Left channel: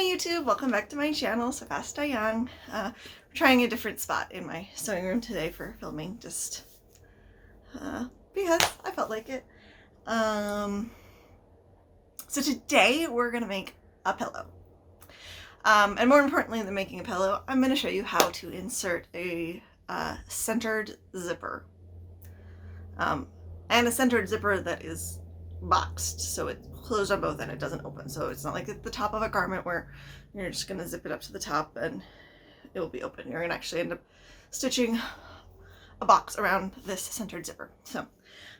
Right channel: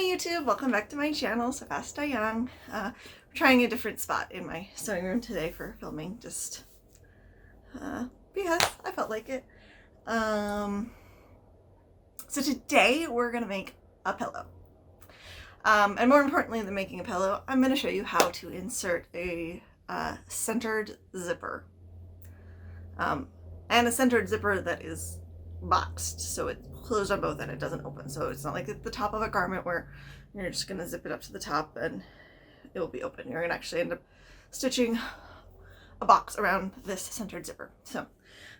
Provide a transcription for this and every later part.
YouTube, welcome back to my channel, Savasta Young. We're trying a different spot in my sewing room today for filming, just because I felt like it. So today we're gonna make a pillow. And more importantly than making a pillow, I'm gonna show you how to insert a centered zipper. And a centered zipper that is boxed, so it's closed on both and it doesn't open. So it's not like at the top of a garment where you're just gonna zip it up to the top and it will be open. You're gonna actually end up stitching a box around this centered zipper. So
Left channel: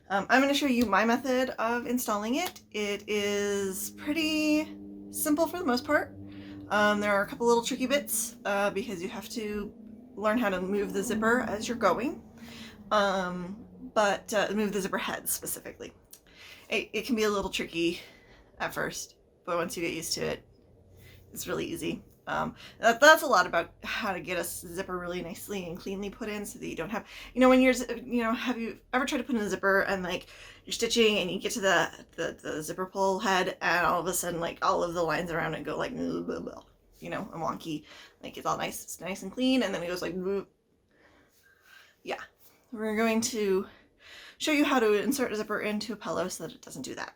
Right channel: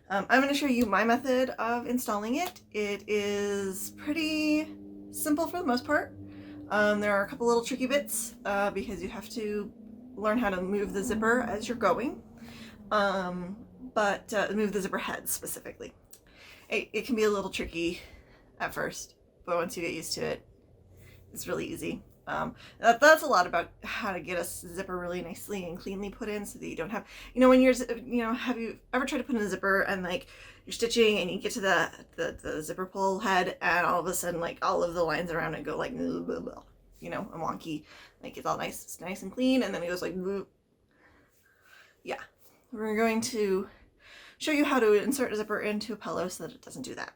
I'm gonna show you my method of installing it. It is pretty simple for the most part. There are a couple little tricky bits because you have to learn how to move the zipper as you're going, but move the zipper head specifically. It can be a little tricky at first, but once you get used to it, it's really easy. That's a lot about how to get a zipper really nicely and cleanly put in so that you don't have, when you're, have you ever tried to put in a zipper and like you're stitching and you get to the zipper pull head and all of a sudden like all of the lines around it go like, blah, blah, blah, and wonky, like it's all nice and clean, and then it goes like, blah. Yeah, we're going to show you how to insert a zipper into a pillow so that it doesn't do that.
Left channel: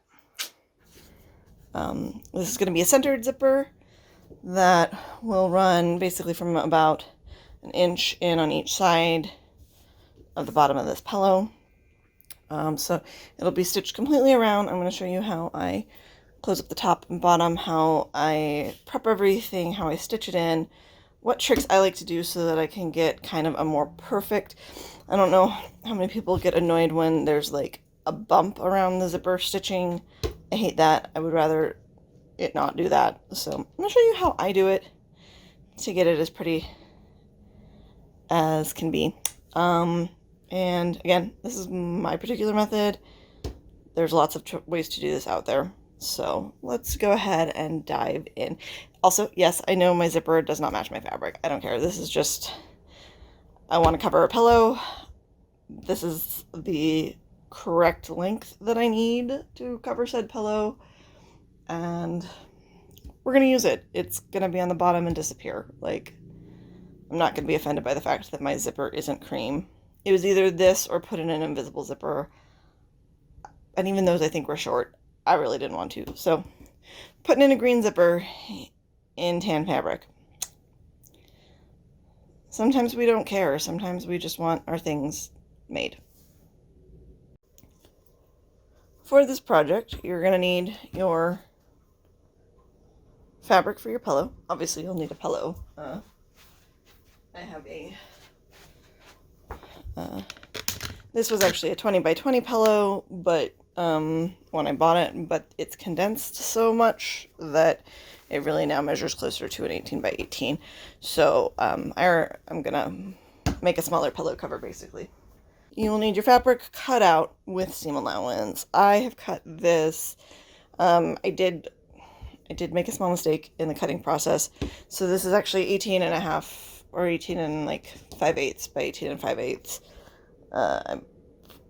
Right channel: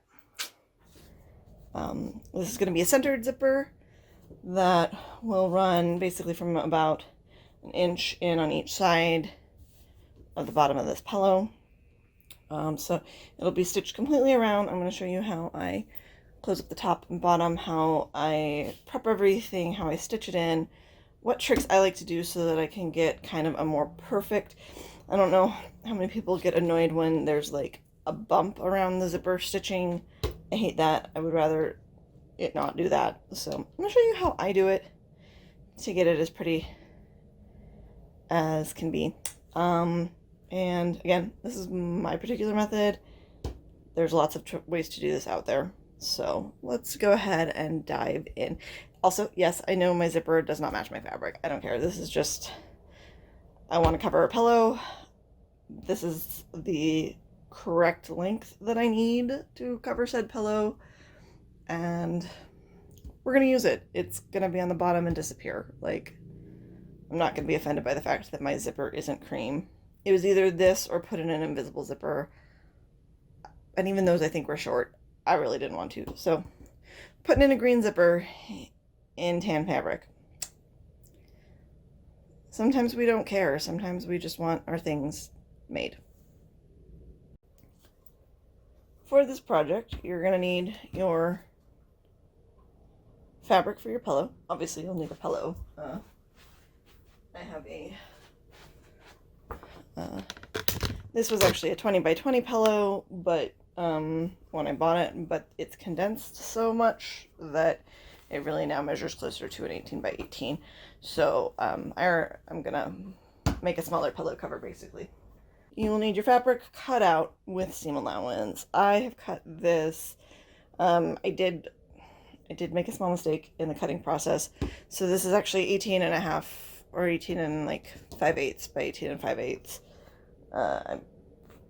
This is going to be a centered zipper that will run basically from about an inch in on each side of the bottom of this pillow. So it'll be stitched completely around. I'm going to show you how I close up the top and bottom, how I prep everything, how I stitch it in, what tricks I like to do so that I can get kind of a more perfect. I don't know how many people get annoyed when there's like a bump around the zipper stitching. I hate that. I would rather it not do that. So I'm going to show you how I do it to get it as pretty as can be. And again, this is my particular method. There's lots of ways to do this out there. So let's go ahead and dive in. Also, yes, I know my zipper does not match my fabric. I don't care. This is just, I want to cover a pillow. This is the correct length that I need to cover said pillow, and we're going to use it. It's going to be on the bottom and disappear. Like, I'm not going to be offended by the fact that my zipper isn't cream. It was either this or put in an invisible zipper, and even those I think were short. I really didn't want to. So putting in a green zipper in tan fabric. Sometimes we don't care. Sometimes we just want our things made. For this project, you're going to need your fabric for your pillow. Obviously, you'll need a pillow. I have a, this was actually a 20 by 20 pillow, but when I bought it, but it's condensed so much that it really now measures closer to an 18 by 18. So I'm gonna make a smaller pillow cover basically. You'll need your fabric cut out with seam allowance. I have cut this. I did make a small mistake in the cutting process. So this is actually 18 and a half or 18 and like 5/8 by 18 and 5/8. I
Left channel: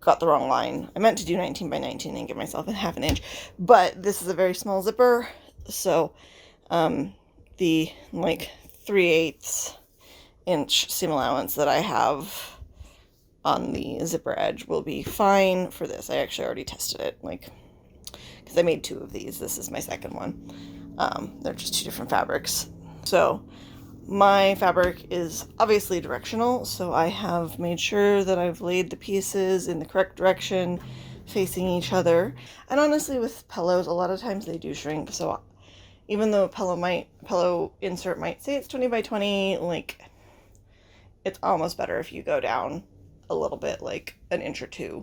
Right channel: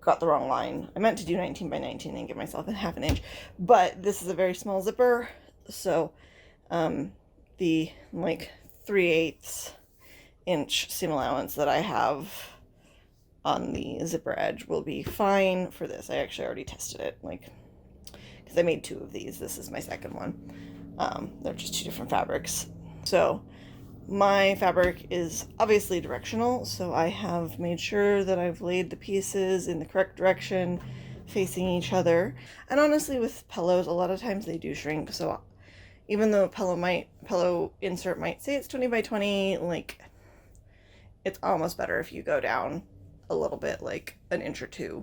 got the wrong line. I meant to do 19 by 19 and give myself a half an inch, but this is a very small zipper. So the like 3/8 inch seam allowance that I have on the zipper edge will be fine for this. I actually already tested it, like, because I made 2 of these. This is my second one. They're just 2 different fabrics. So my fabric is obviously directional, so I have made sure that I've laid the pieces in the correct direction, facing each other. And honestly, with pillows, a lot of times they do shrink, so even though a pillow insert might say it's 20 by 20, like, it's almost better if you go down a little bit, like an inch or 2,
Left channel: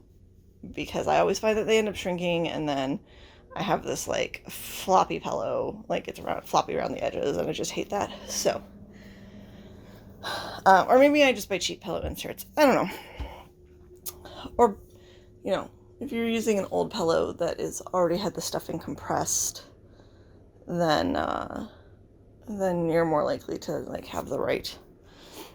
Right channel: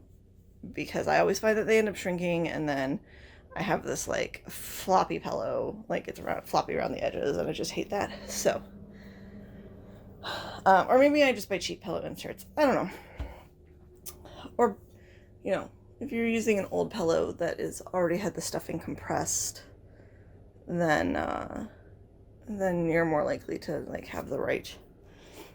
because I always find that they end up shrinking, and then I have this like floppy pillow, like it's floppy around the edges, and I just hate that. So or maybe I just buy cheap pillow inserts, I don't know. Or if you're using an old pillow that is already had the stuffing compressed, then you're more likely to like have the right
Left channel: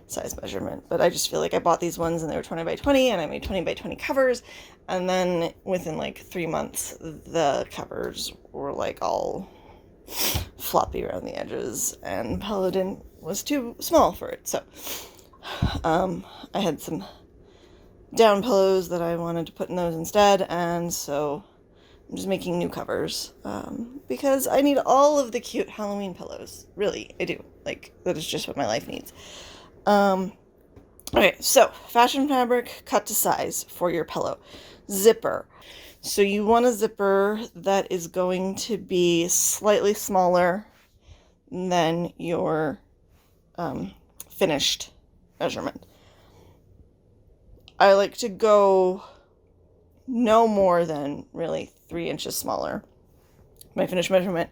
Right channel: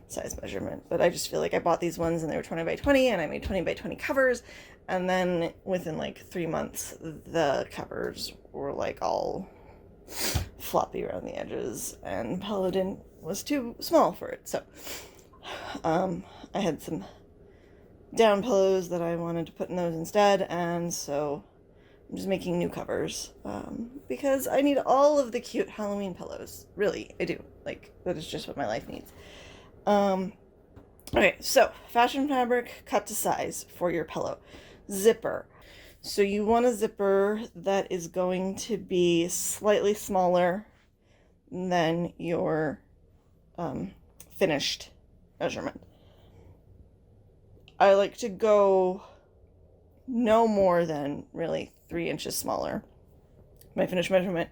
size measurement. But I just feel like I bought these ones and they were 20 by 20 and I made 20 by 20 covers, and then within like 3 months the covers were like all floppy around the edges, and pillow was too small for it. So I had some down pillows that I wanted to put in those instead, and so I'm just making new covers because I need all of the cute Halloween pillows. Really, I do. Like, that is just what my life needs. Okay, so fashion fabric cut to size for your pillow. Zipper. So you want a zipper that is going to be slightly smaller than your finished measurement. I like to go no more than really 3 inches smaller. My finished measurement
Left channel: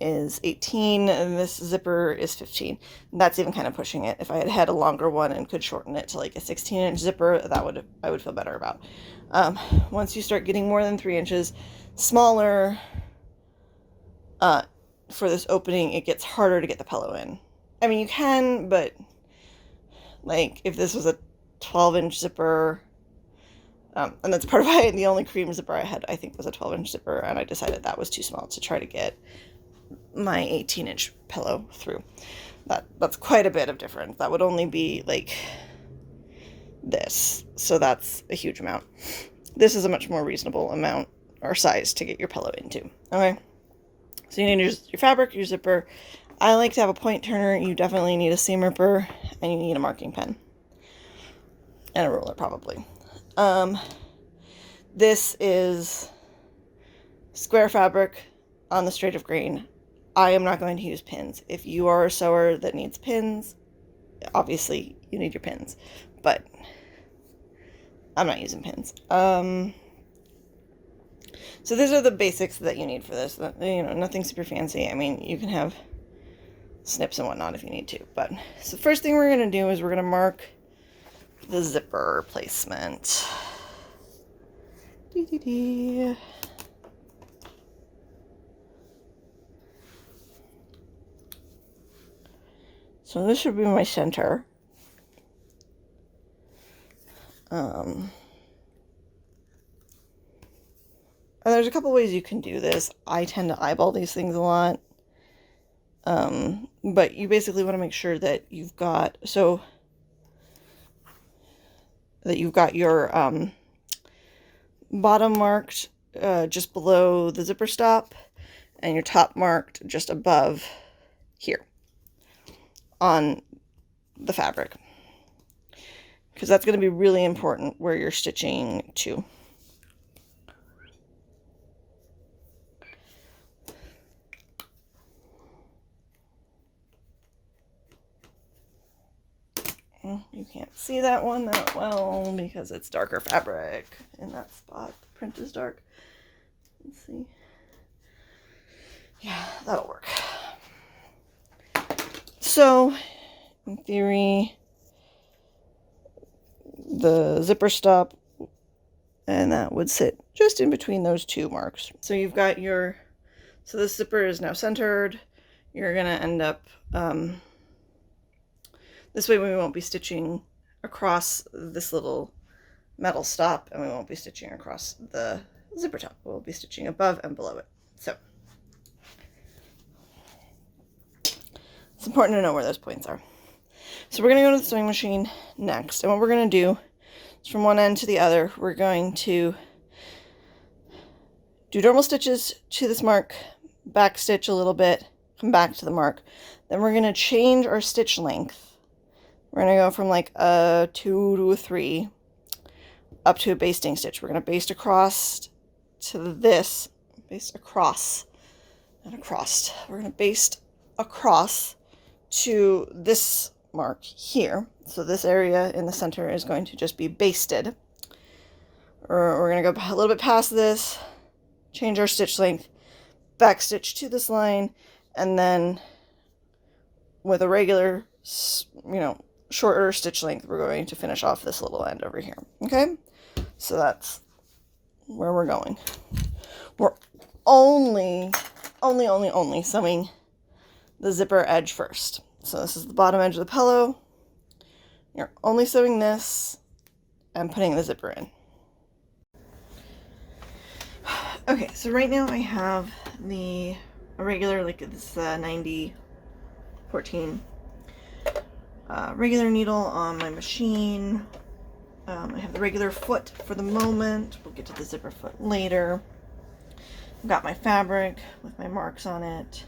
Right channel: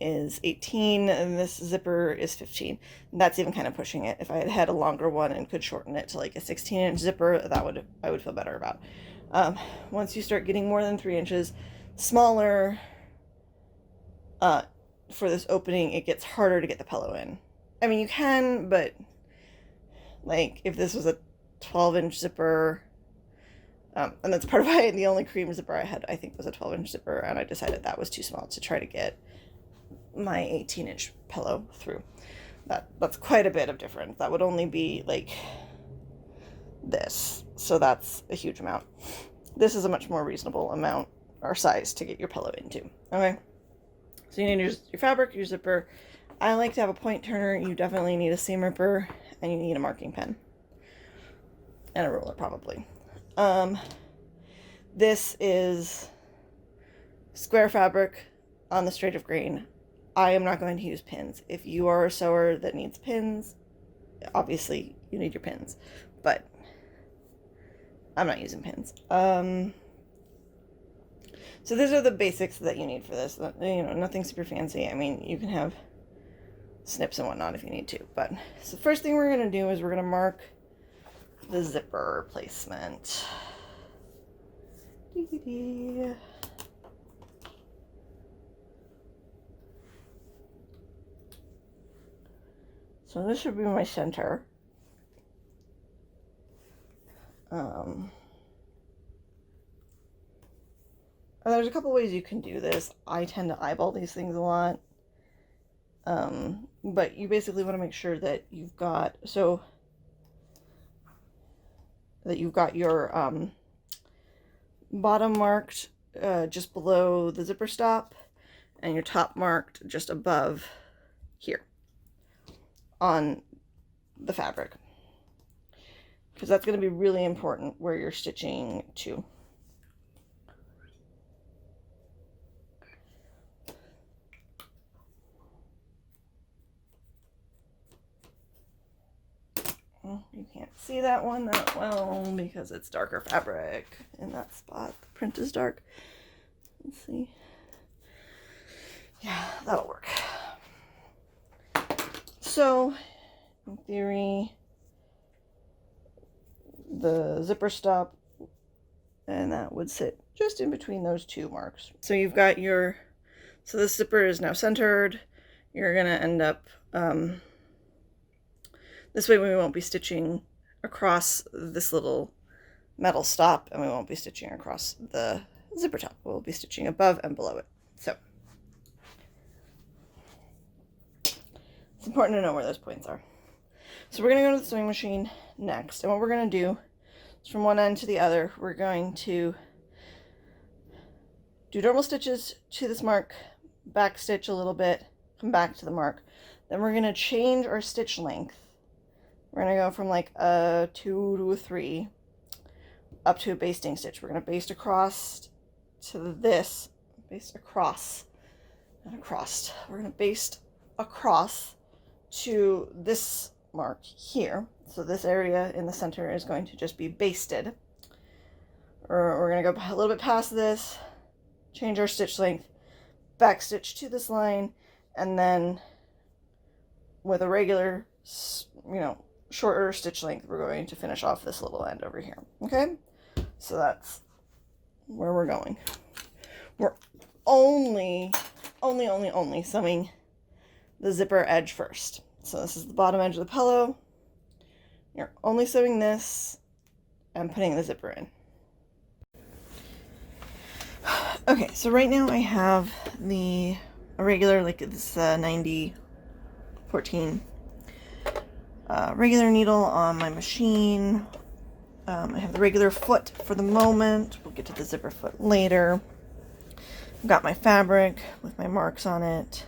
is 18 and this zipper is 15. That's even kind of pushing it. If I had had a longer one and could shorten it to like a 16-inch zipper, I would feel better about. Once you start getting more than 3 inches smaller for this opening, it gets harder to get the pillow in. I mean, you can, but like if this was a 12-inch zipper, and that's part of why the only cream zipper I had, I think, was a 12-inch zipper, and I decided that was too small to try to get my 18-inch pillow through. That's quite a bit of difference. That would only be like this, so that's a huge amount. This is a much more reasonable amount or size to get your pillow into. Okay, so you need your fabric, your zipper. I like to have a point turner. You definitely need a seam ripper, and you need a marking pen and a ruler probably. This is square fabric on the straight of grain. I am not going to use pins. If you are a sewer that needs pins, obviously you need your pins, but I'm not using pins. So these are the basics that you need for this. You know, nothing super fancy. I mean, you can have snips and whatnot if you need to, but so the first thing we're going to do is we're going to mark the zipper placement. So this should be my center. And there's a couple ways you can do this. I tend to eyeball these things a lot. But you basically want to make sure that you've got, your bottom marked just below the zipper stop and your top marked just above here on the fabric, because that's going to be really important where you're stitching to. You can't see that one that well because it's darker fabric in that spot. The print is dark. Let's see. Yeah, that'll work. So, in theory, the zipper stop, and that would sit just in between those two marks. So you've got so the zipper is now centered. You're going to end up, this way we won't be stitching across this little metal stop, and we won't be stitching across the zipper top. We'll be stitching above and below it. So it's important to know where those points are. So we're going to go to the sewing machine next, and what we're going to do is from one end to the other, we're going to do normal stitches to this mark, back stitch a little bit, come back to the mark. Then we're going to change our stitch length. We're going to go from like a 2 to a 3 up to a basting stitch. We're going to baste across to this, baste across, not across. We're going to baste across to this mark here. So this area in the center is going to just be basted. We're going to go a little bit past this, change our stitch length, back stitch to this line, and then with a regular, shorter stitch length, we're going to finish off this little end over here. Okay, so that's where we're going. We're only sewing the zipper edge first. So this is the bottom edge of the pillow. You're only sewing this and putting the zipper in. Okay, so right now I have the a regular, like this 90/14 regular needle on my machine. I have the regular foot for the moment. We'll get to the zipper foot later. I've got my fabric with my marks on it.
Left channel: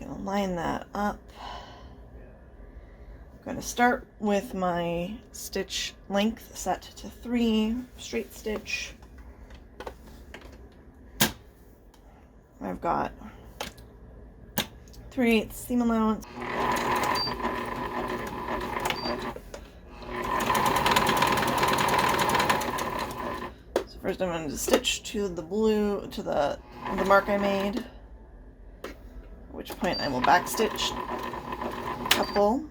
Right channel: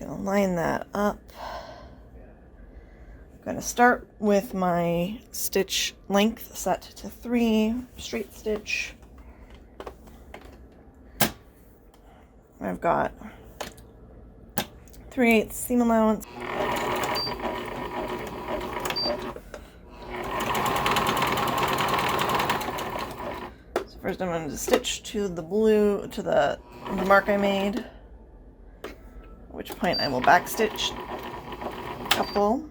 I'm gonna line that up. I'm gonna start with my stitch length set to 3, straight stitch. I've got 3/8 seam allowance. So first I'm going to stitch to the blue, to the mark I made, at which point I will backstitch a couple.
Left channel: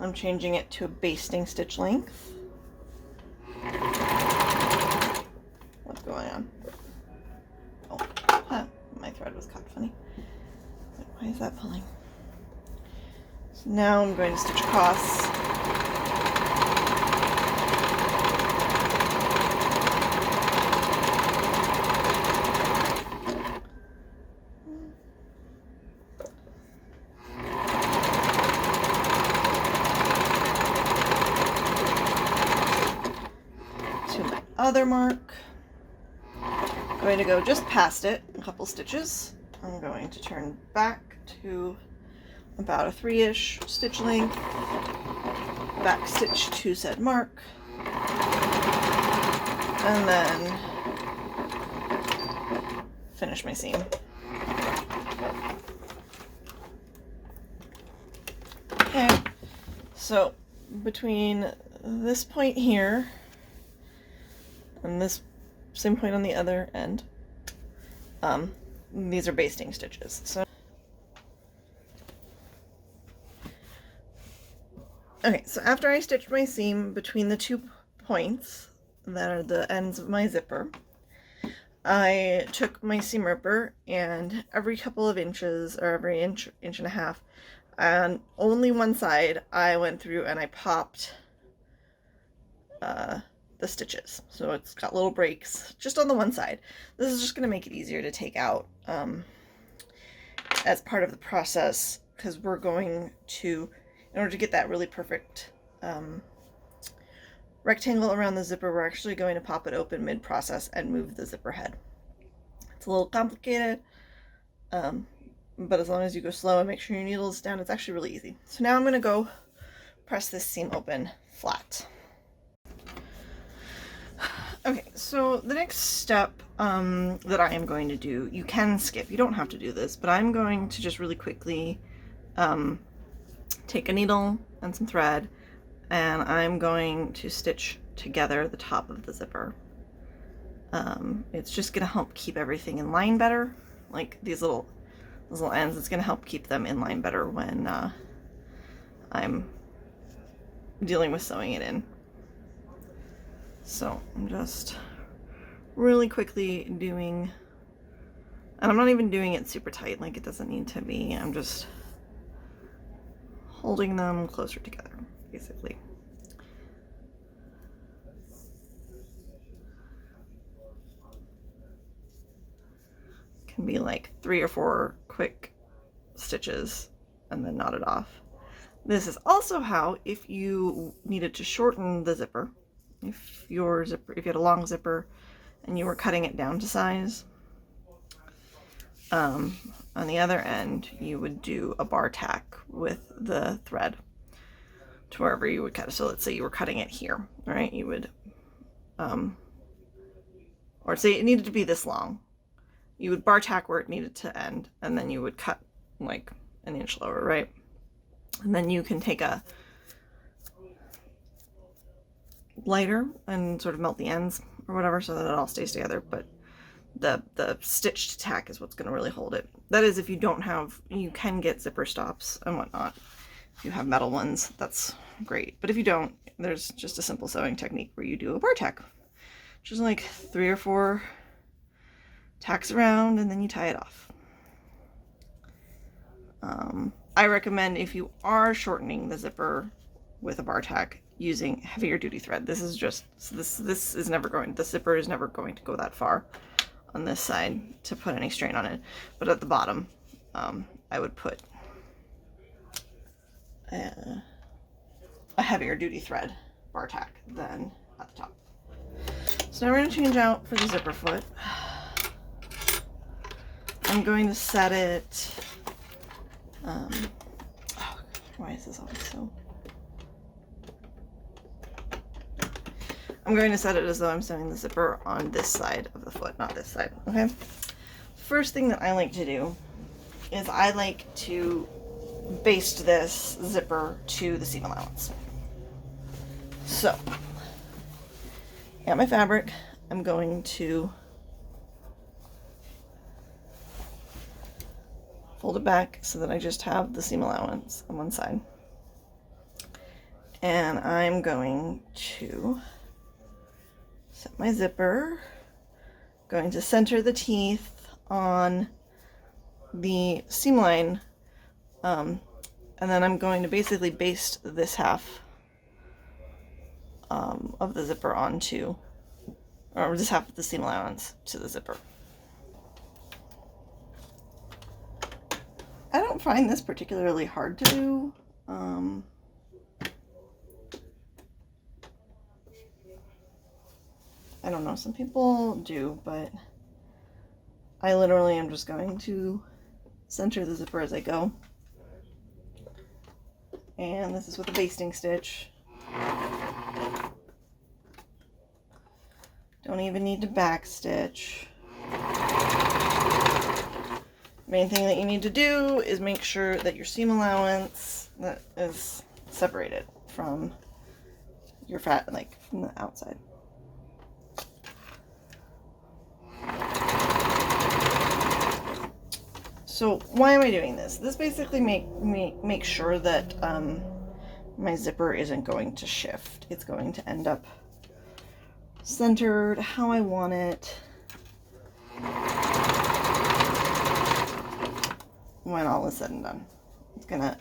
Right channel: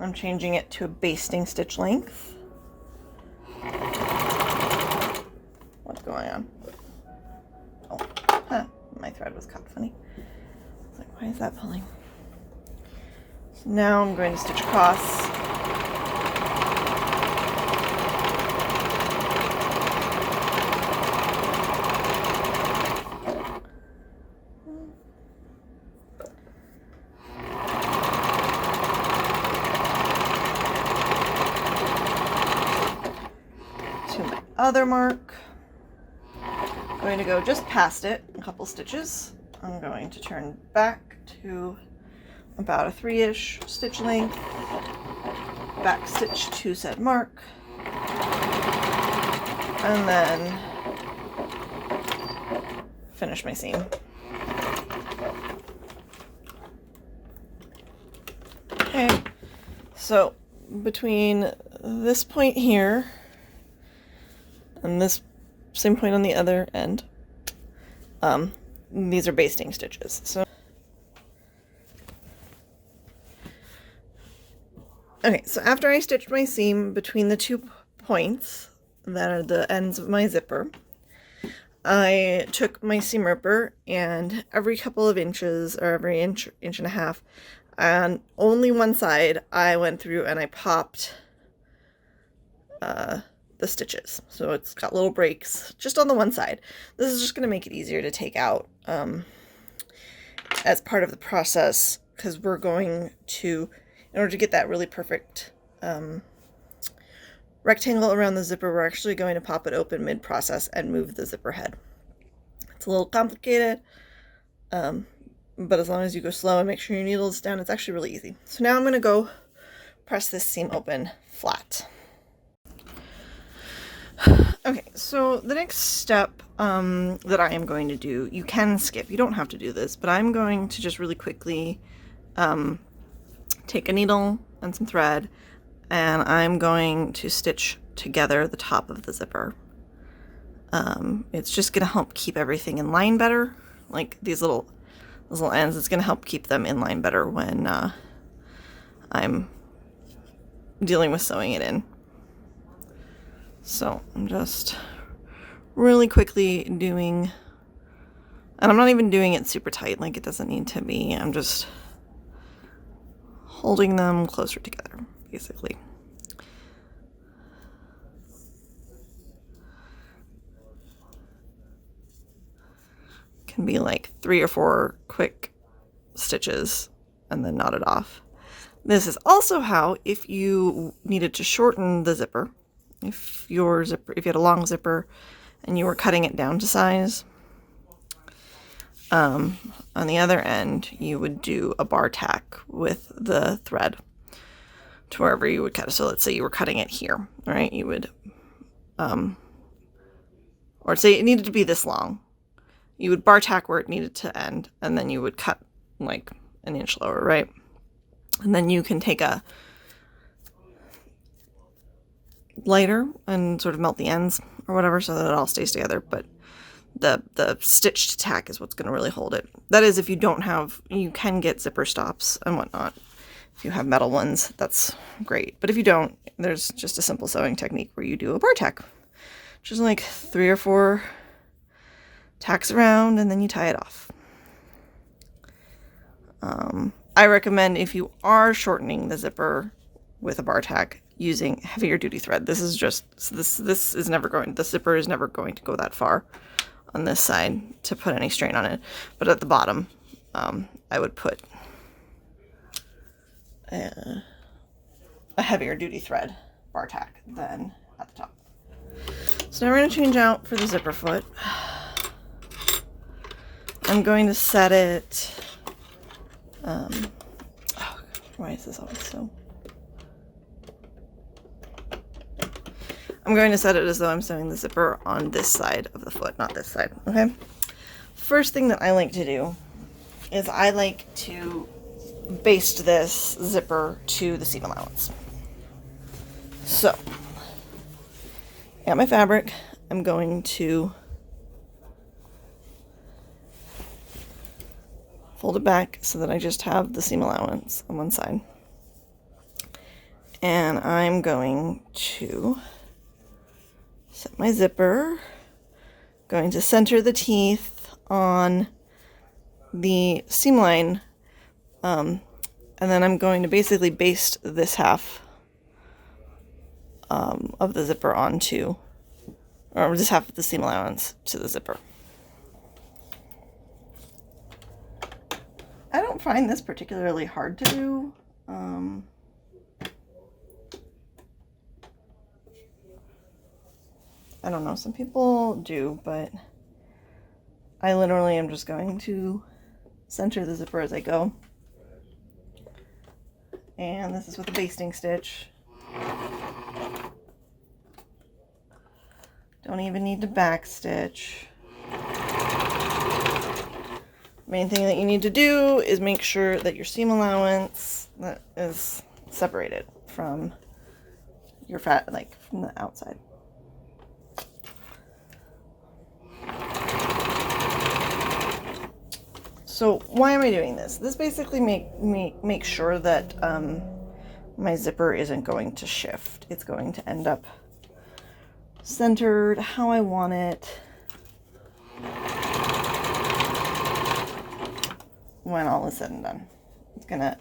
I'm changing it to a basting stitch length. What's going on? Oh, huh, my thread was cut funny. Like, why is that pulling? So now I'm going to stitch across. To my other mark. I'm going to go just past it, a couple stitches. I'm going to turn back to about a 3-ish stitch length, back stitch to said mark, and then finish my seam. Okay, so between this point here and this same point on the other end, these are basting stitches. So okay, so after I stitched my seam between the 2 points that are the ends of my zipper, I took my seam ripper and every couple of inches, or every inch and a half, on only one side, I went through and I popped the stitches. So it's got little breaks just on the one side. This is just going to make it easier to take out as part of the process, because we're going to, in order to get that really perfect rectangle around the zipper, we're actually going to pop it open mid-process and move the zipper head. It's a little complicated, but as long as you go slow and make sure your needle is down, it's actually really easy. So now I'm going to go press this seam open flat. Okay, so the next step that I am going to do, you can skip, you don't have to do this, but I'm going to just really quickly take a needle and some thread, and I'm going to stitch together the top of the zipper. It's just going to help keep everything in line better, like these little ends. It's going to help keep them in line better when I'm dealing with sewing it in. So I'm just really quickly doing, and I'm not even doing it super tight, like it doesn't need to be. I'm just holding them closer together, basically. Can be like 3 or 4 quick stitches and then knot it off. This is also how, if you needed to shorten the zipper, if you had a long zipper and you were cutting it down to size, on the other end you would do a bar tack with the thread to wherever you would cut it. So let's say you were cutting it here, right? You would or say it needed to be this long, you would bar tack where it needed to end, and then you would cut like an inch lower, right? And then you can take a lighter and sort of melt the ends or whatever so that it all stays together, but the stitched tack is what's going to really hold it. That is, if you don't have, you can get zipper stops and whatnot. If you have metal ones, that's great. But if you don't, there's just a simple sewing technique where you do a bar tack, which is like 3 or 4 tacks around, and then you tie it off. I recommend, if you are shortening the zipper with a bar tack, using heavier duty thread. This is just, this is never going, the zipper is never going to go that far on this side to put any strain on it. But at the bottom, I would put a heavier duty thread bar tack than at the top. So now we're going to change out for the zipper foot. I'm going to set it, why is this always so? I'm going to set it as though I'm sewing the zipper on this side of the foot, not this side, okay? First thing that I like to do is I like to baste this zipper to the seam allowance. So, got my fabric, I'm going to fold it back so that I just have the seam allowance on one side. And I'm going to set my zipper, going to center the teeth on the seam line, and then I'm going to basically baste this half of the zipper onto, or this half of the seam allowance to the zipper. I don't find this particularly hard to do. I don't know, some people do, but I literally am just going to center the zipper as I go. And this is with a basting stitch. Don't even need to back stitch. Main thing that you need to do is make sure that your seam allowance is separated from your from the outside. So why am I doing this? This basically make sure that my zipper isn't going to shift. It's going to end up centered how I want it when all is said and done.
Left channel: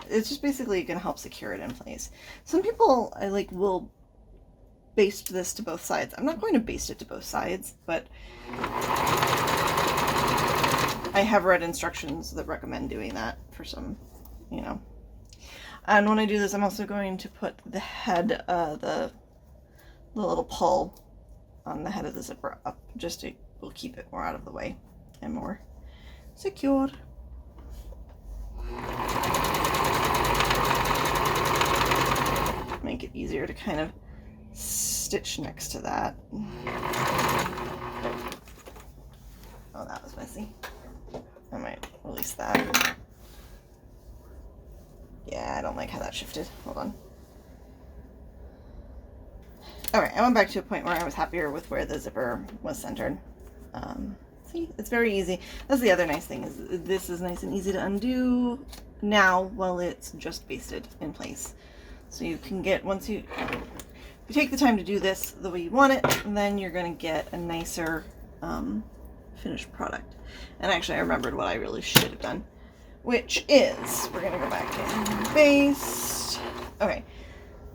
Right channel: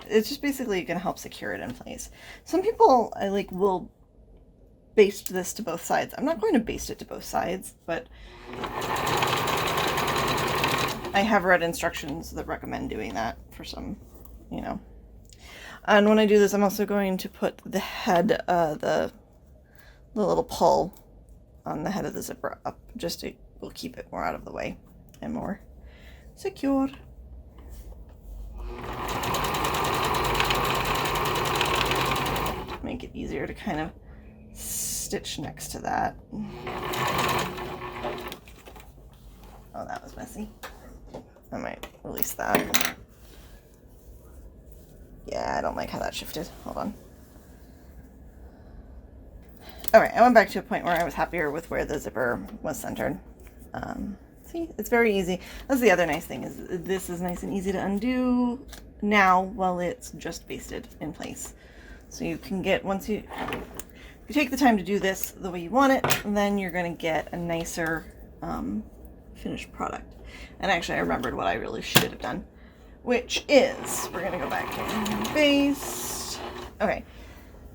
It's just basically gonna help secure it in place. Some people will baste this to both sides. I'm not going to baste it to both sides, but I have read instructions that recommend doing that for some, And when I do this, I'm also going to put the head, the little pull on the head of the zipper up, just to will keep it more out of the way and more secure. Make it easier to kind of stitch next to that. Oh, that was messy. I might release that. Yeah, I don't like how that shifted. Hold on. Alright, I went back to a point where I was happier with where the zipper was centered. See, it's very easy. That's the other nice thing, is this is nice and easy to undo now while it's just basted in place. So you can get, if you take the time to do this the way you want it, then you're going to get a nicer finished product. And actually I remembered what I really should have done, which is, we're going to go back to baste. Okay,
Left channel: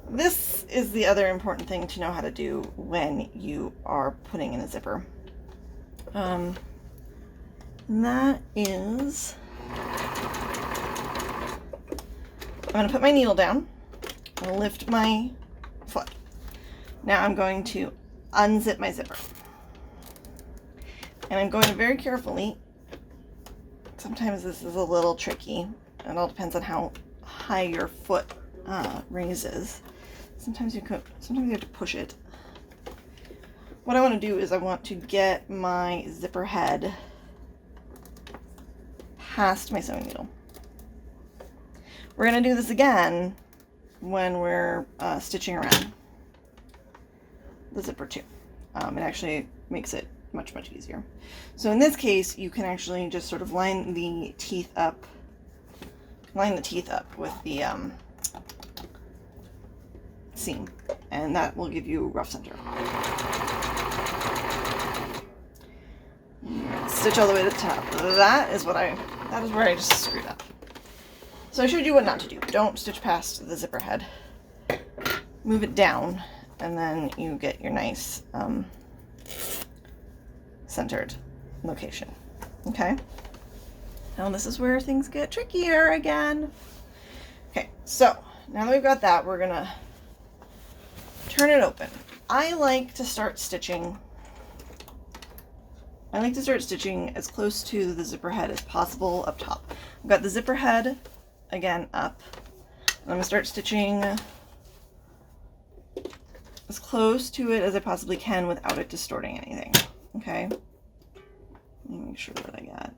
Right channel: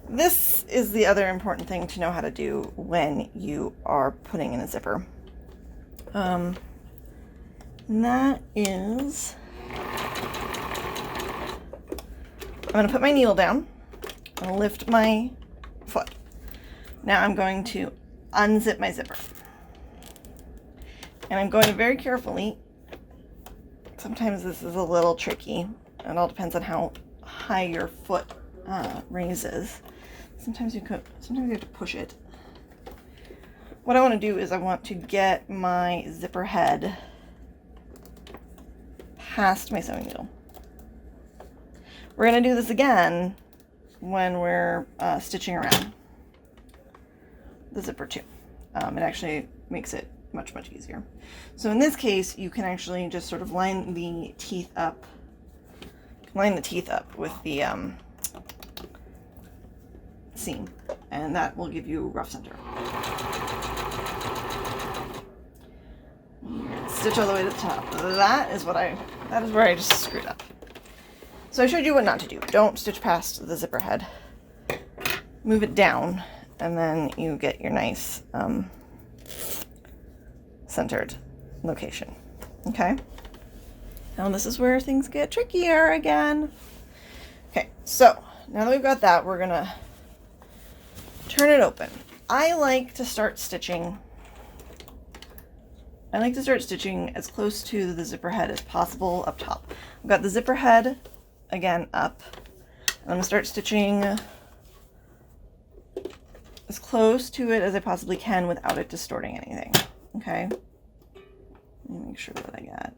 this is the other important thing to know how to do when you are putting in a zipper. And that is, I'm going to put my needle down, I'm going to lift my foot. Now I'm going to unzip my zipper. And I'm going very carefully. Sometimes this is a little tricky. It all depends on how high your foot raises. Sometimes you have to push it. What I want to do is I want to get my zipper head past my sewing needle. We're going to do this again when we're stitching around the zipper too. It actually makes it much easier. So in this case, you can actually just sort of line the teeth up with the seam, and that will give you rough center. Stitch all the way to the top. That is where I just screwed up. So I showed you what not to do. Don't stitch past the zipper head. Move it down, and then you get your nice centered location. Okay. Now this is where things get trickier again. Okay, so now that we've got that, we're gonna turn it open. I like to start stitching as close to the zipper head as possible up top. I've got the zipper head again up. I'm gonna start stitching as close to it as I possibly can without it distorting anything. Okay. Let me make sure what I got.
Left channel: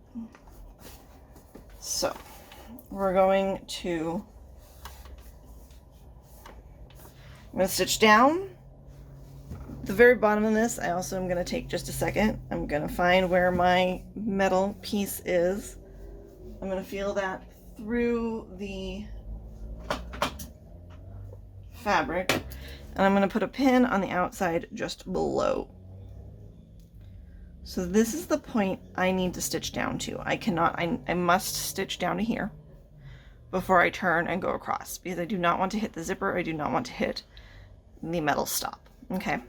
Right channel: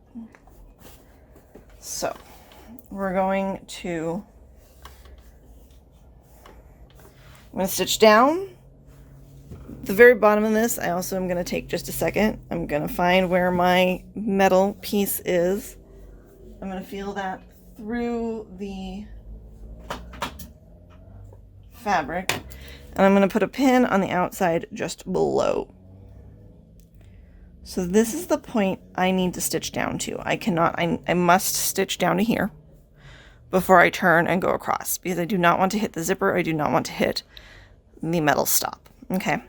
So we're going to, I'm going to stitch down the very bottom of this. I also am going to take just a second. I'm going to find where my metal piece is. I'm going to feel that through the fabric, and I'm going to put a pin on the outside just below. So this is the point I need to stitch down to. I must stitch down to here before I turn and go across, because I do not want to hit the zipper. I do not want to hit the metal stop. Okay.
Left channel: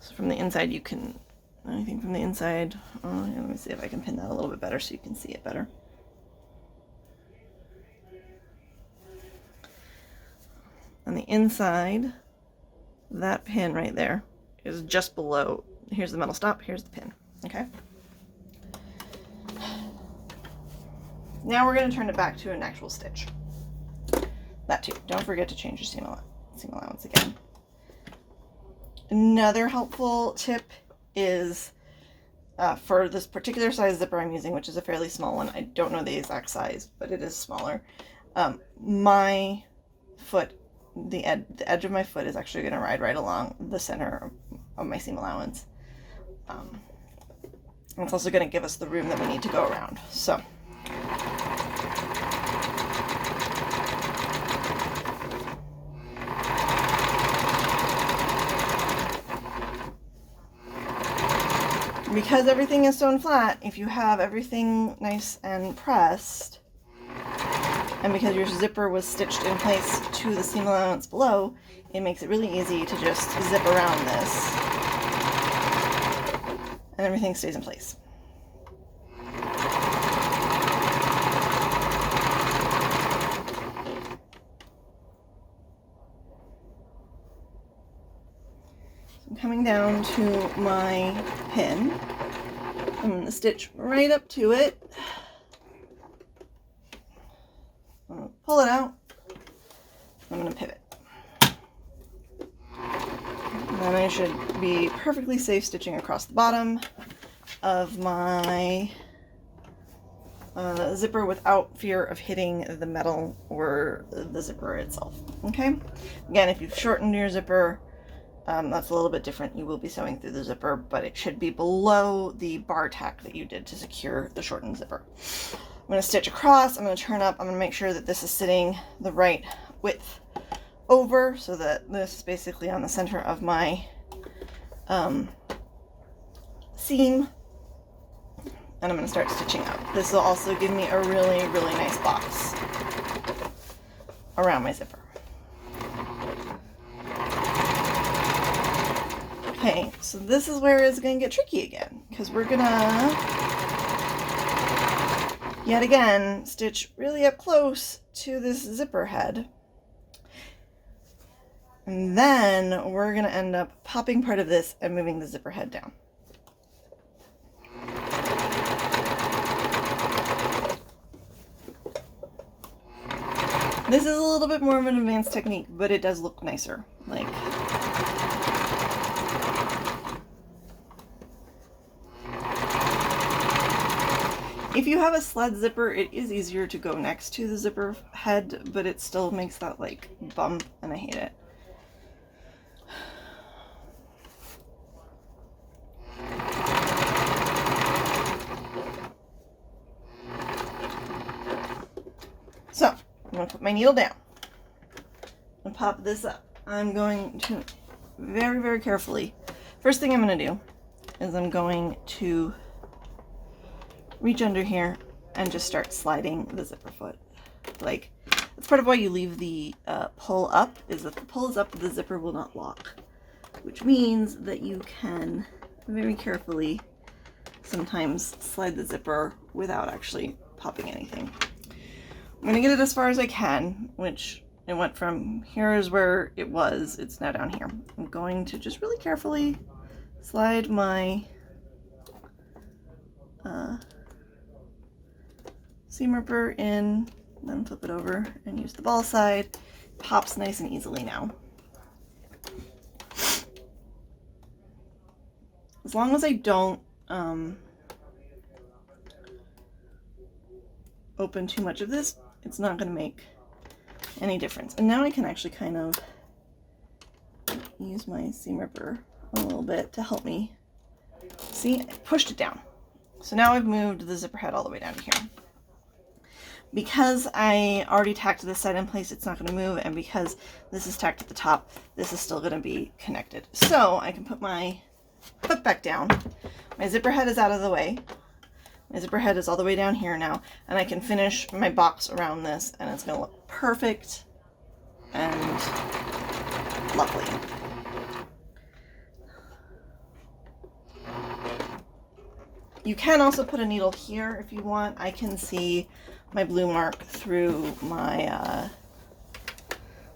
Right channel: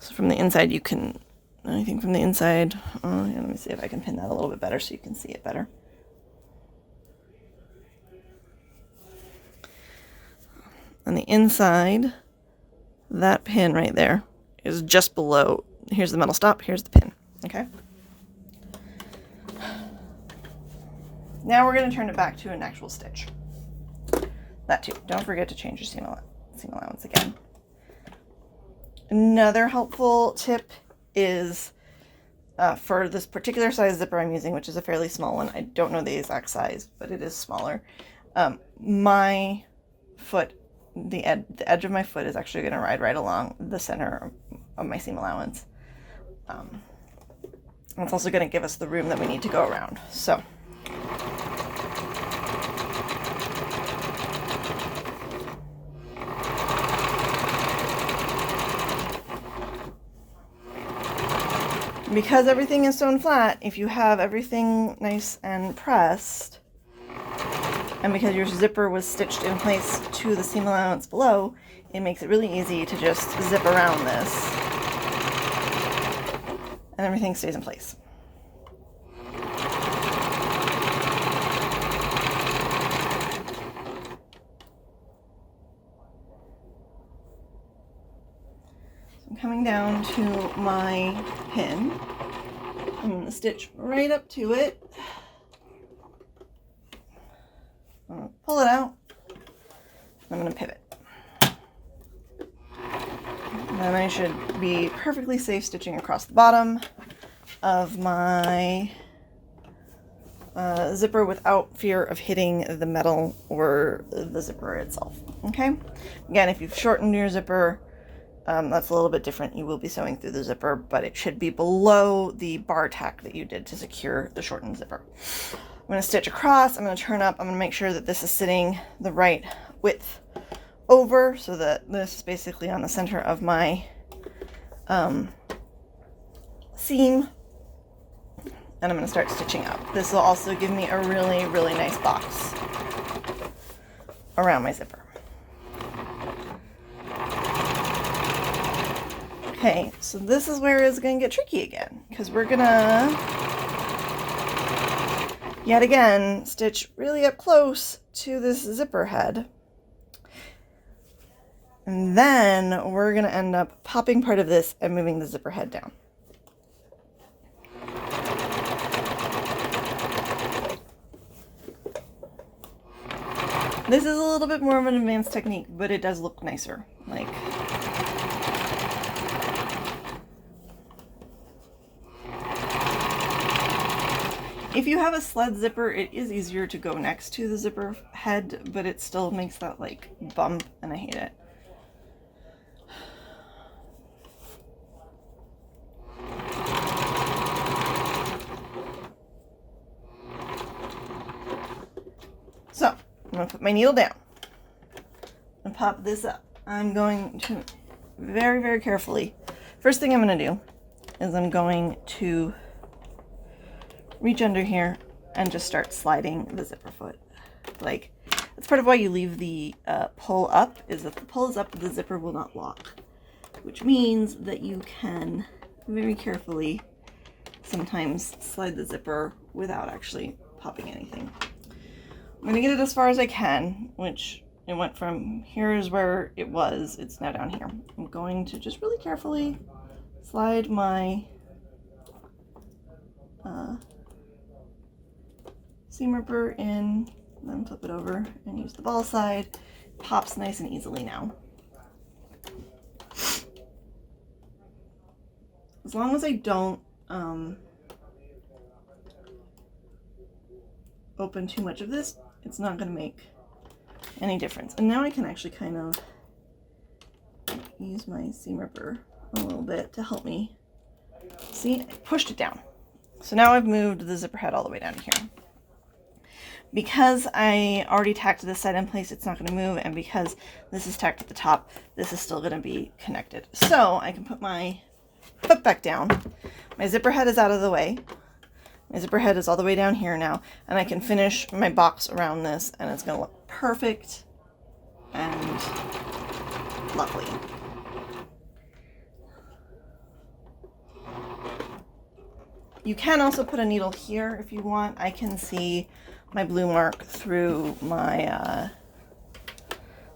So from the inside, you can, anything from the inside, let me see if I can pin that a little bit better so you can see it better. On the inside, that pin right there is just below. Here's the metal stop, here's the pin, okay? Now we're going to turn it back to an actual stitch. That too. Don't forget to change your seam allowance again. Another helpful tip is for this particular size zipper I'm using, which is a fairly small one. I don't know the exact size, but it is smaller. My foot, the edge of my foot is actually going to ride right along the center of my seam allowance. And it's also going to give us the room that we need to go around. So because everything is sewn flat, if you have everything nice and pressed, and because your zipper was stitched in place to the seam allowance below, it makes it really easy to just zip around this and everything stays in place. So I'm coming down to my pin. I'm going to stitch right up to it. I'm going to pull it out. I'm going to pivot. And I should be perfectly safe stitching across the bottom of my zipper without fear of hitting the metal or the zipper itself. Okay? Again, if you've shortened your zipper, that's a little bit different. You will be sewing through the zipper, but it should be below the bar tack that you did to secure the shortened zipper. I'm going to stitch across. I'm going to turn up. I'm going to make sure that this is sitting the right width over, so that this is basically on the center of my seam, and I'm going to start stitching up. This will also give me a really, really nice box around my zipper. Okay, so this is where it's going to get tricky again, because we're going to, yet again, stitch really up close to this zipper head. And then we're going to end up popping part of this and moving the zipper head down. This is a little bit more of an advanced technique, but it does look nicer. Like, if you have a sled zipper, it is easier to go next to the zipper head, but it still makes that like bump, and I hate it. So, I'm going to put my needle down and pop this up. I'm going to very, very carefully, first thing I'm going to do is I'm going to reach under here and just start sliding the zipper foot. Like, that's part of why you leave the pull up, is if the pull is up, the zipper will not lock, which means that you can very carefully sometimes slide the zipper without actually popping anything. I'm going to get it as far as I can, which it went from here is where it was, it's now down here. I'm going to just really carefully slide my seam ripper in, then flip it over and use the ball side. Pops nice and easily now. As long as I don't open too much of this, it's not going to make any difference. And now I can actually kind of use my seam ripper a little bit to help me. See, I pushed it down. So now I've moved the zipper head all the way down here. Because I already tacked this side in place, it's not going to move, and because this is tacked at the top, this is still going to be connected. So I can put my foot back down. My zipper head is out of the way. My zipper head is all the way down here now, and I can finish my box around this, and it's going to look perfect and lovely. You can also put a needle here if you want. I can see my blue mark through my, I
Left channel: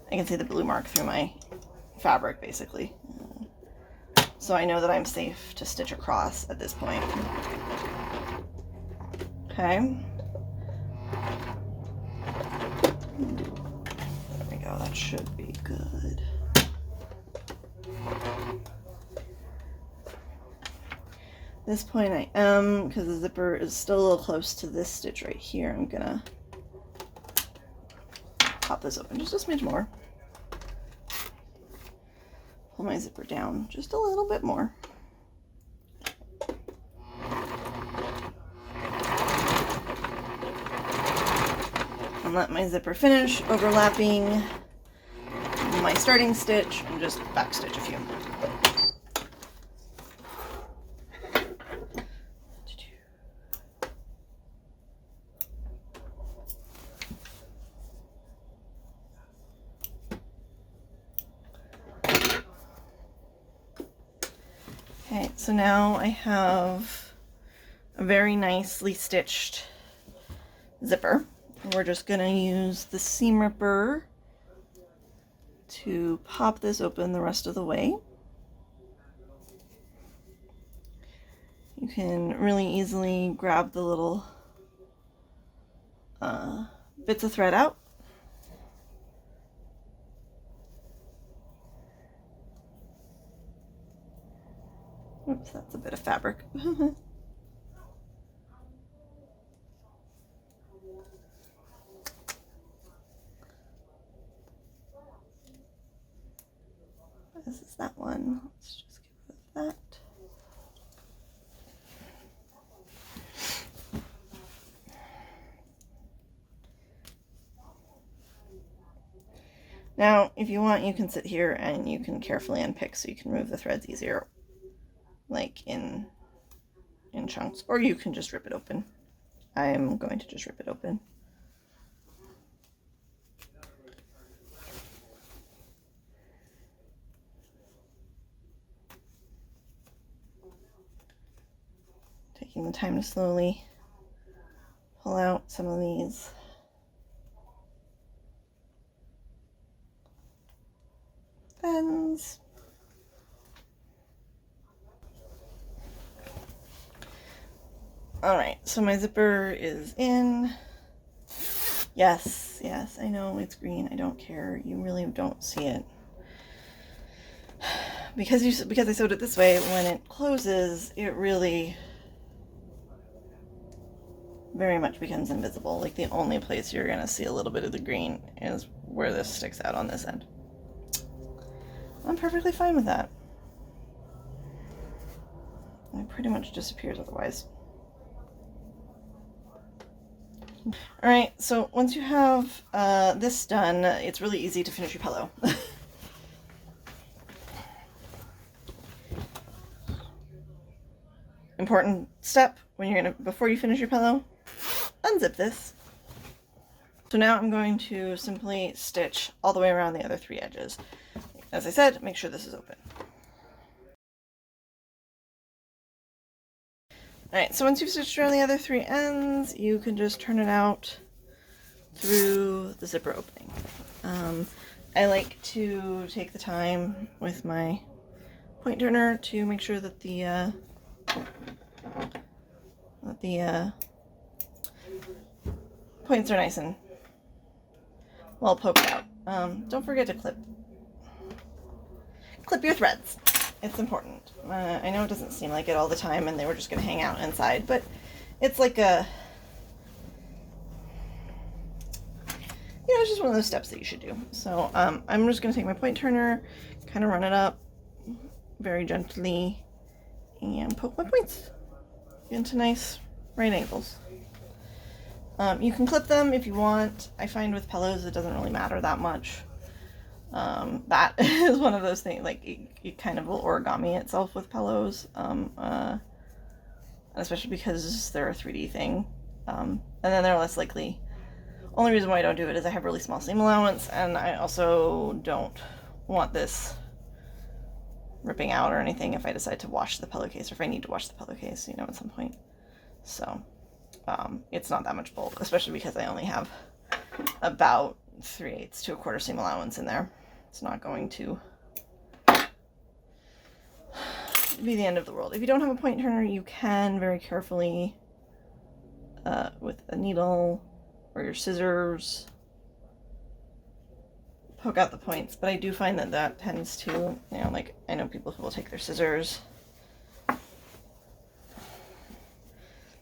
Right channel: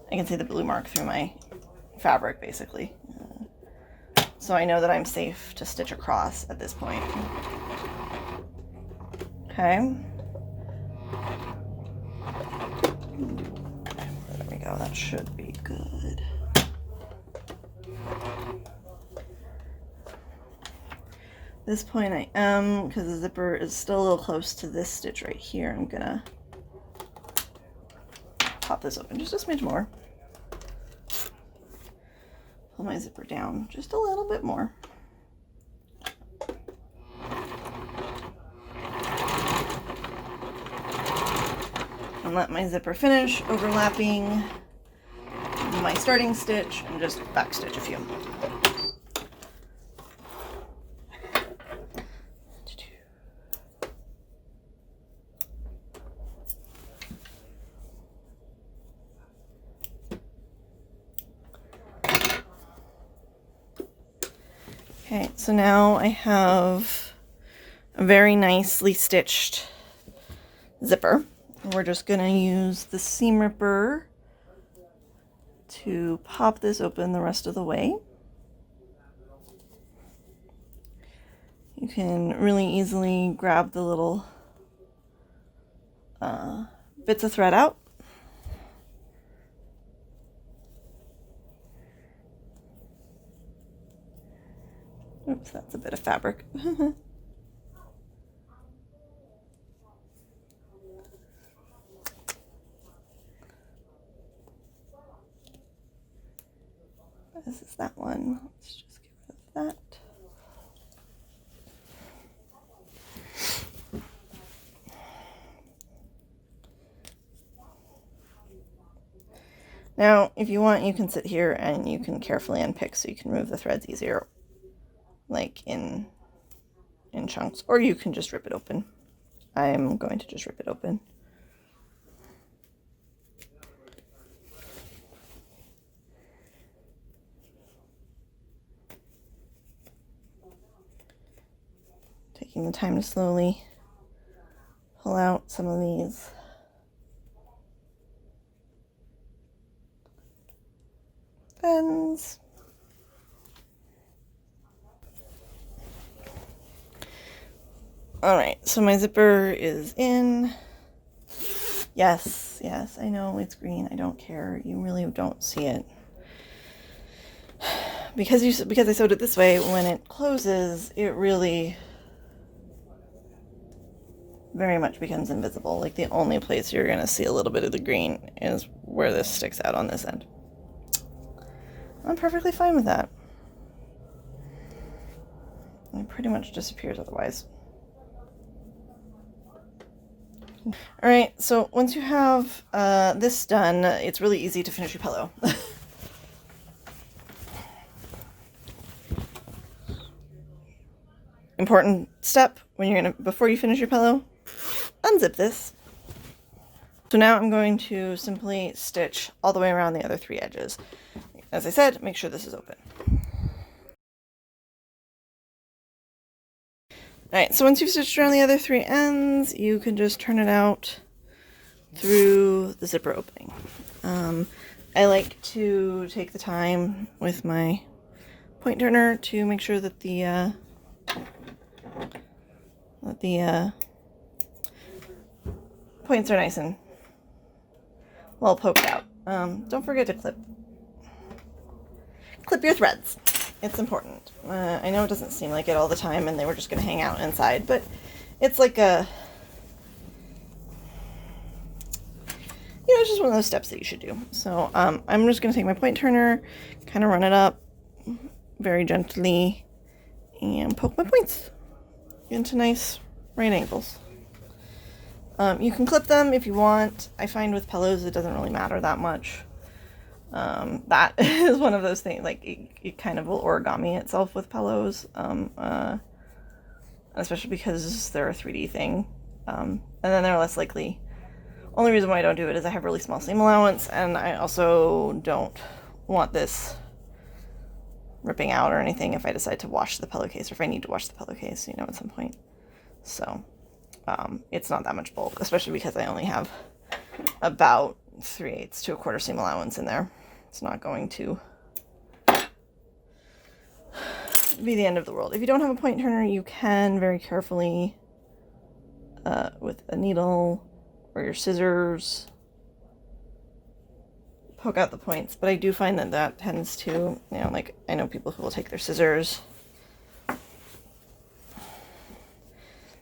can see the blue mark through my fabric, basically. So I know that I'm safe to stitch across at this point. Okay. There we go, that should be good. At this point I am, because the zipper is still a little close to this stitch right here, I'm gonna pop this open just a smidge more. Pull my zipper down just a little bit more. And let my zipper finish overlapping my starting stitch and just backstitch a few. Okay, so now I have a very nicely stitched zipper. We're just going to use the seam ripper to pop this open the rest of the way. You can really easily grab the little bits of thread out. Oops, that's a bit of fabric. This is that one. Let's just get rid of that. Now, if you want, you can sit here and you can carefully unpick so you can remove the threads easier, like in chunks, or you can just rip it open. I'm going to just rip it open. Taking the time to slowly pull out some of these. Ends. Alright, so my zipper is in. Yes, yes, I know it's green. I don't care. You really don't see it. Because I sewed it this way, when it closes, it really very much becomes invisible. Like, the only place you're going to see a little bit of the green is where this sticks out on this end. I'm perfectly fine with that. It pretty much disappears otherwise. Alright, so once you have this done, it's really easy to finish your pillow. Important step when you're before you finish your pillow, unzip this. So now I'm going to simply stitch all the way around the other 3 edges. As I said, make sure this is open. Alright, so once you've stitched around the other 3 ends, you can just turn it out through the zipper opening. I like to take the time with my point turner to make sure that the points are nice and well poked out. Don't forget to clip your threads. It's important. I know it doesn't seem like it all the time and they were just going to hang out inside, but it's like it's just one of those steps that you should do. So I'm just going to take my point turner, kind of run it up very gently, and poke my points into nice right angles. You can clip them if you want. I find with pillows it doesn't really matter that much. That is one of those things, like it kind of will origami itself with pillows, especially because they're a 3D thing, and then they're less likely. Only reason why I don't do it is I have really small seam allowance, and I also don't want this ripping out or anything if I decide to wash the pillowcase, or if I need to wash the pillowcase, at some point. So it's not that much bulk, especially because I only have about 3/8 to 1/4 seam allowance in there. It's not going to be the end of the world. If you don't have a point turner, you can very carefully with a needle or your scissors poke out the points, but I do find that tends to, like, I know people who will take their scissors,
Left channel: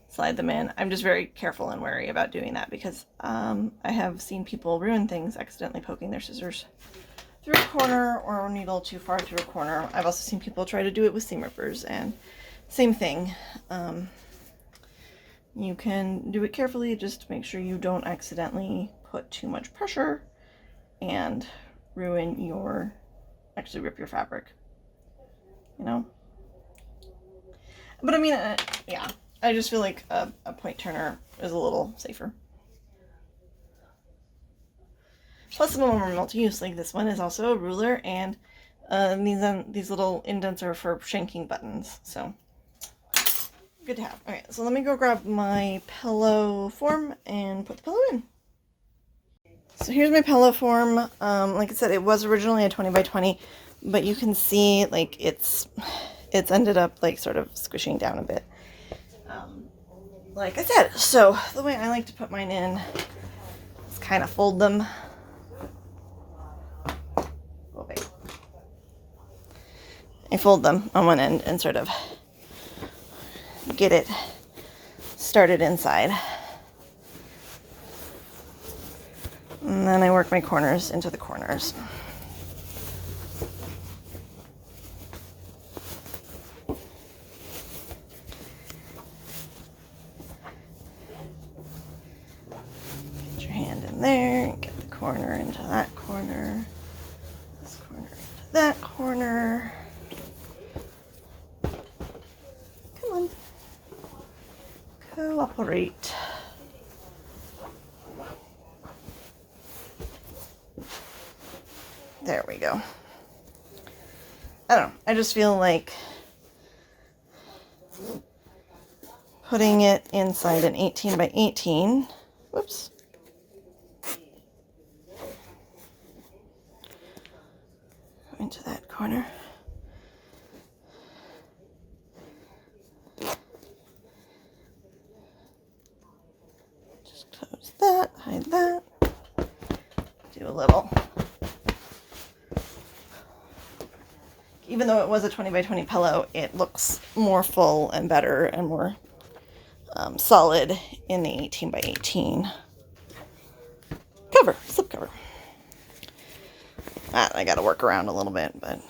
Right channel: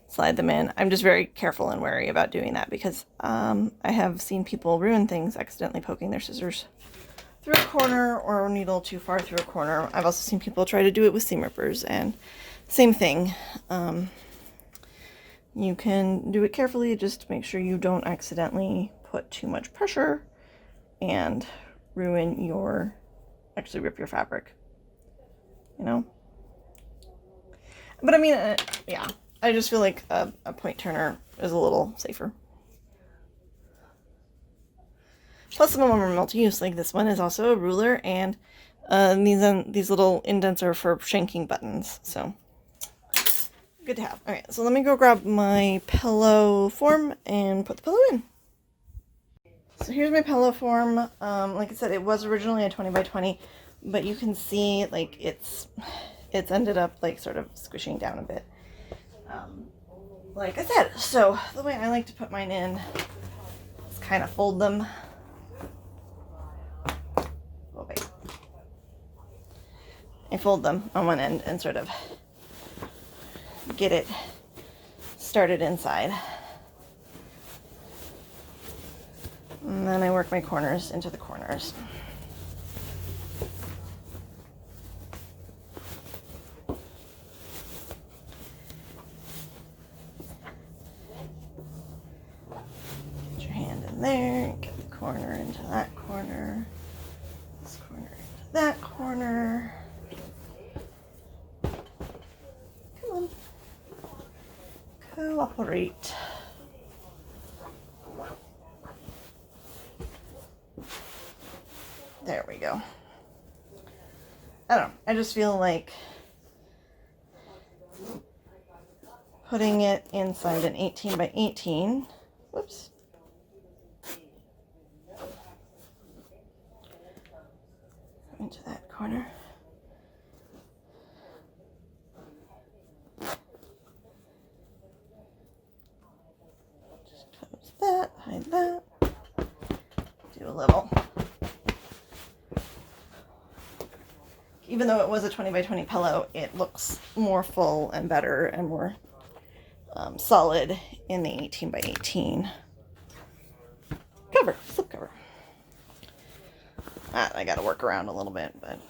slide them in. I'm just very careful and wary about doing that because I have seen people ruin things accidentally poking their scissors through a corner or a needle too far through a corner. I've also seen people try to do it with seam rippers, and same thing. You can do it carefully, just make sure you don't accidentally put too much pressure and actually rip your fabric, But I mean, yeah, I just feel like a point turner is a little safer. Plus, some of them are multi-use, like this one is also a ruler, and these little indents are for shanking buttons, so good to have. Okay, so let me go grab my pillow form and put the pillow in. So here's my pillow form. Like I said, it was originally a 20 by 20, but you can see like it's ended up like sort of squishing down a bit. Like I said, so the way I like to put mine in is kind of fold them. Oh, wait. I fold them on one end and sort of get it started inside. And then I work my corners into the corners. Get your hand in there, get the corner into that corner, this corner into that corner. Come on. Cooperate. There we go. I don't know. I just feel like putting it inside an 18 by 18. Whoops. Into that corner. Just close that, hide that. Do a little. Even though it was a 20 by 20 pillow, it looks more full and better and more solid in the 18 by 18 cover, slip cover. I got to work around a little bit, but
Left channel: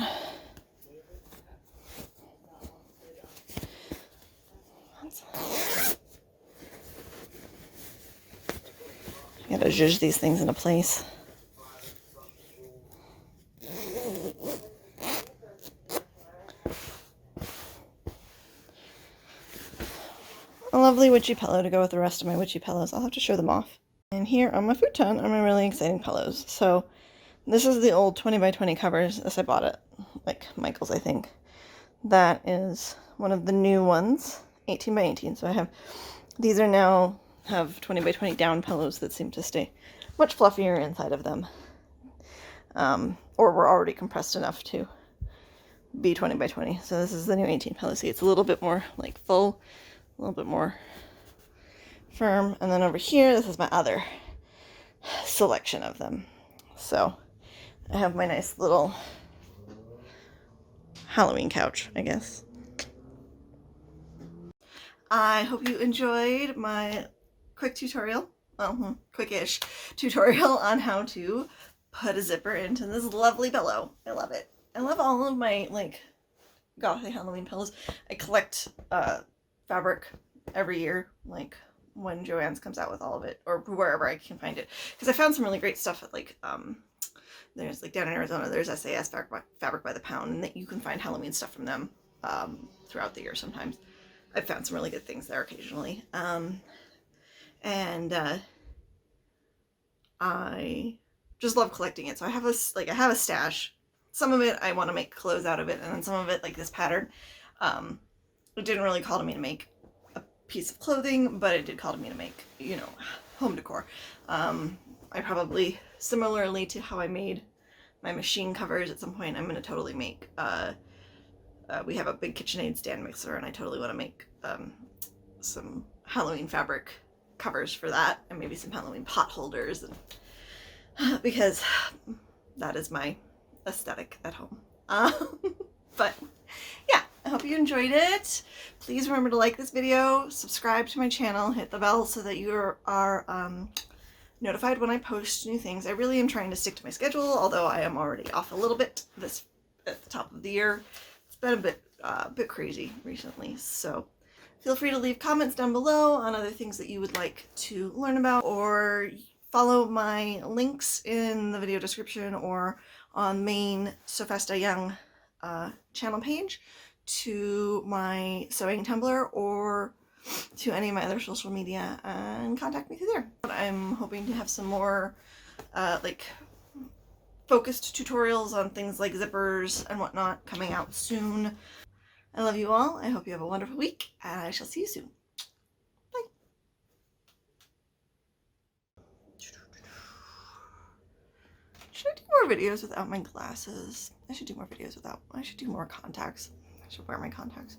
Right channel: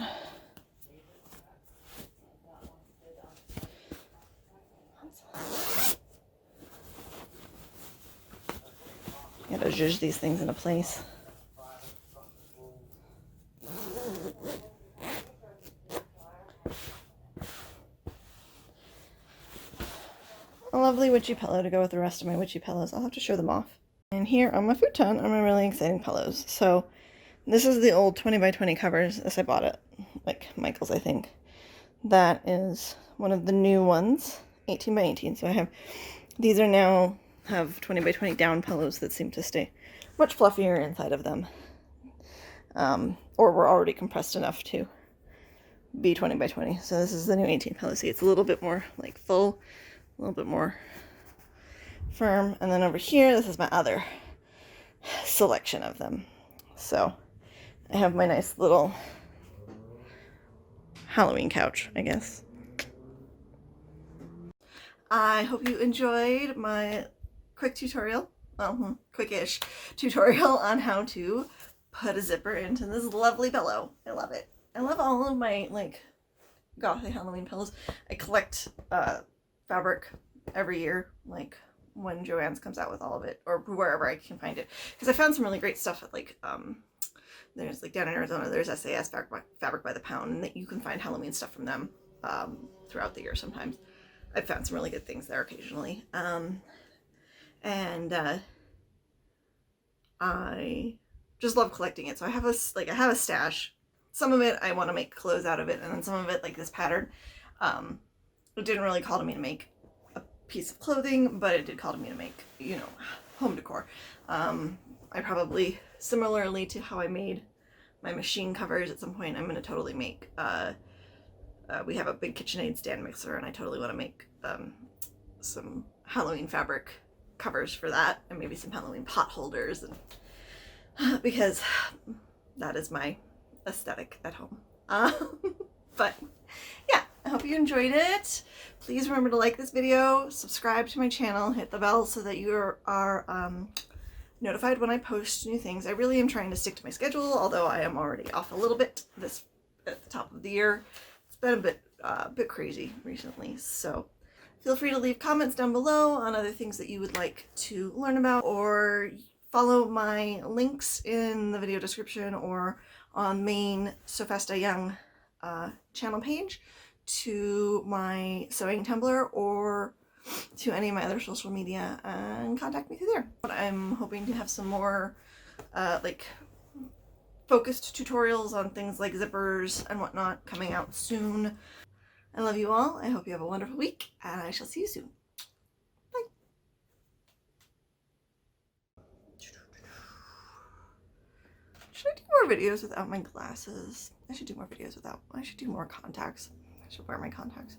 you got to zhuzh these things into place. A lovely witchy pillow to go with the rest of my witchy pillows. I'll have to show them off. And here on my futon are my really exciting pillows. So this is the old 20 by 20 covers as I bought it, like Michael's, I think. That is one of the new ones, 18 by 18. So I have, these are now have 20 by 20 down pillows that seem to stay much fluffier inside of them. Or were already compressed enough to be 20 by 20. So this is the new 18 pillow. See, it's a little bit more like full, a little bit more firm. And then over here, this is my other selection of them. So I have my nice little Halloween couch, I guess. I hope you enjoyed my quick tutorial, well, quick-ish tutorial on how to put a zipper into this lovely pillow. I love it. I love all of my, like, gothic Halloween pillows. I collect fabric every year, like when Joann's comes out with all of it, or wherever I can find it. Because I found some really great stuff at, like, there's, like, down in Arizona, there's SAS, Fabric by the Pound, and that you can find Halloween stuff from them throughout the year sometimes. I've found some really good things there occasionally. I just love collecting it. So I have a stash. Some of it I want to make clothes out of it, and then some of it, like this pattern, it didn't really call to me to make a piece of clothing, but it did call to me to make, you know, home decor. I probably, similarly to how I made my machine covers, at some point I'm going to totally make, we have a big KitchenAid stand mixer, and I totally want to make some Halloween fabric covers for that, and maybe some Halloween pot holders, and because that is my aesthetic at home. But yeah, I hope you enjoyed it. Please remember to like this video, subscribe to my channel, hit the bell so that you are notified when I post new things. I really am trying to stick to my schedule, although I am already off a little bit this at the top of the year. It's been a bit crazy recently, so feel free to leave comments down below on other things that you would like to learn about, or follow my links in the video description or on main So Fast I Young channel page to my sewing Tumblr or to any of my other social media, and contact me through there. But I'm hoping to have some more like focused tutorials on things like zippers and whatnot coming out soon. I love you all. I hope you have a wonderful week, and I shall see you soon. Bye. Should I do more videos without my glasses? I should do more videos without. I should do more contacts. I should wear my contacts.